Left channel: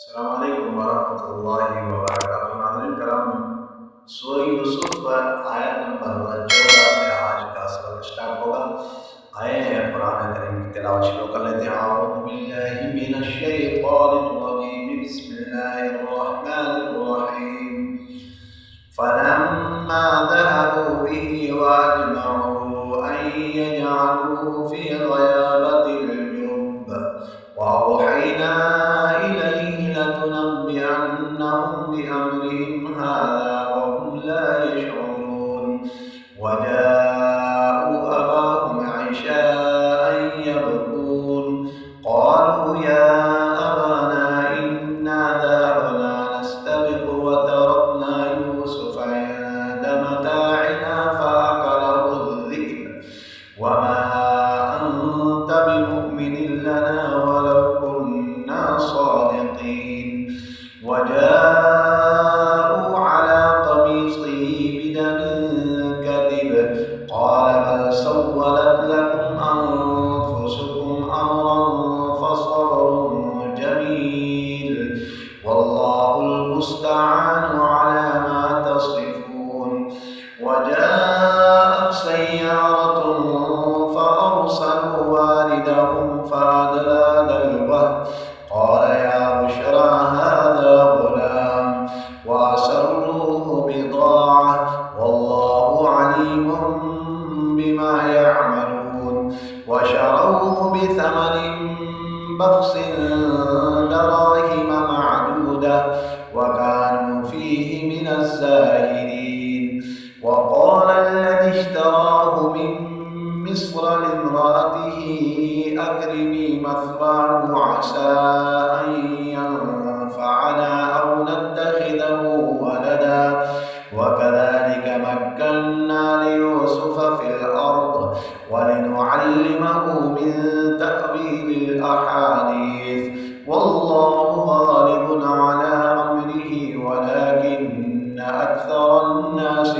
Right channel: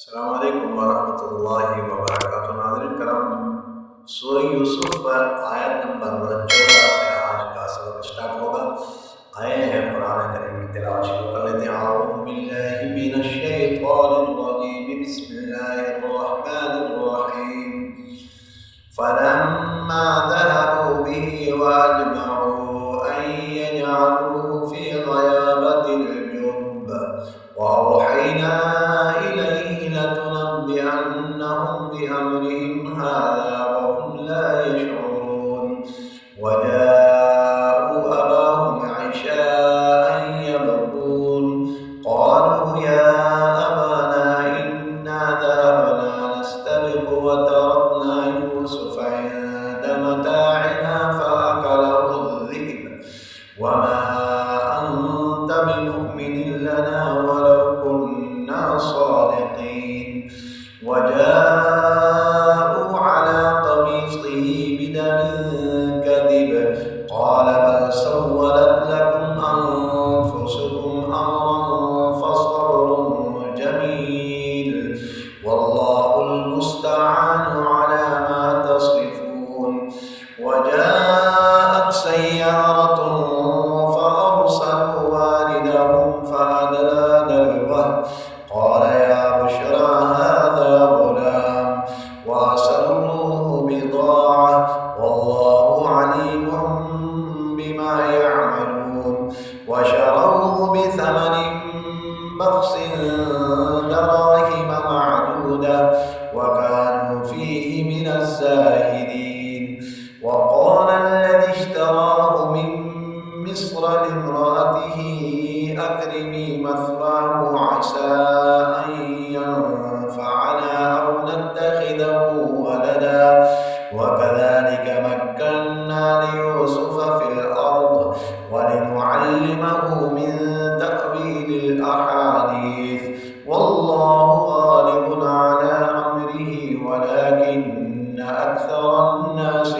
अस्सलाम वालेकुम वरहमतुल्लाहि वबरकातुहू। नाज़रीन करम, सूरह यूसुफ आयत नंबर 14 से आज का सबक स्टार्ट होगा। आए हैं कुरान करीम की तिलावत शुरू कर लेते हैं। अऊज़ु बिल्लाहि मिनश शैतानिर रजीम, बिस्मिल्लाहिर रहमानिर रहीम। फलम्मा ज़हबू बिही वअजमऊ अन यजअलूहु फ़ी ग़याबतिल जुब्ब वअवहयना इलैहि लतुनब्बिअन्नहुम बिअम्रिहिम हाज़ा वहुम ला यशऊरून। वजाअू अबाहुम इशाअन यबकून क़ालू या अबाना इन्ना ज़हबना नस्तबिक़ु वतरकना यूसुफ इंद मताइना फ़अकलहु الذئب वमा अन्त बिमुअ्मिनिन लना वलौ कुन्ना सादिक़ीन। वजाअू अला क़मीसिही बिदमिन कज़िब क़ाल बल सव्वलत लकुम अन्फुसुकुम अम्रन फसब्रुन जमील वल्लाहुल मुस्तआनु अला मा तसिफून। वजाअत सय्यारतुन फअरसलू वारिदहुम फअदला दल्वह क़ाल या बुश्रा हाज़ा ग़ुलाम वअस्सर्रूहु बिज़ाअह वल्लाहु अलीमुम बिमा यअमलून। वशरौहु बिथमनिन बख़्सिन दराहिम मअदूदह वकानू फ़ीहि मिनज़्ज़ाहिदीन। वक़ाल الذي اشتراه من مصر لامرأته أكرمي مثواه عسى أن ينفعنا أو نتخذه ولدا وكذلك مكنا ليوسف في الأرض ولنعلمه من تأويل الأحاديث والله غالب على أمره ولكن أكثر الناس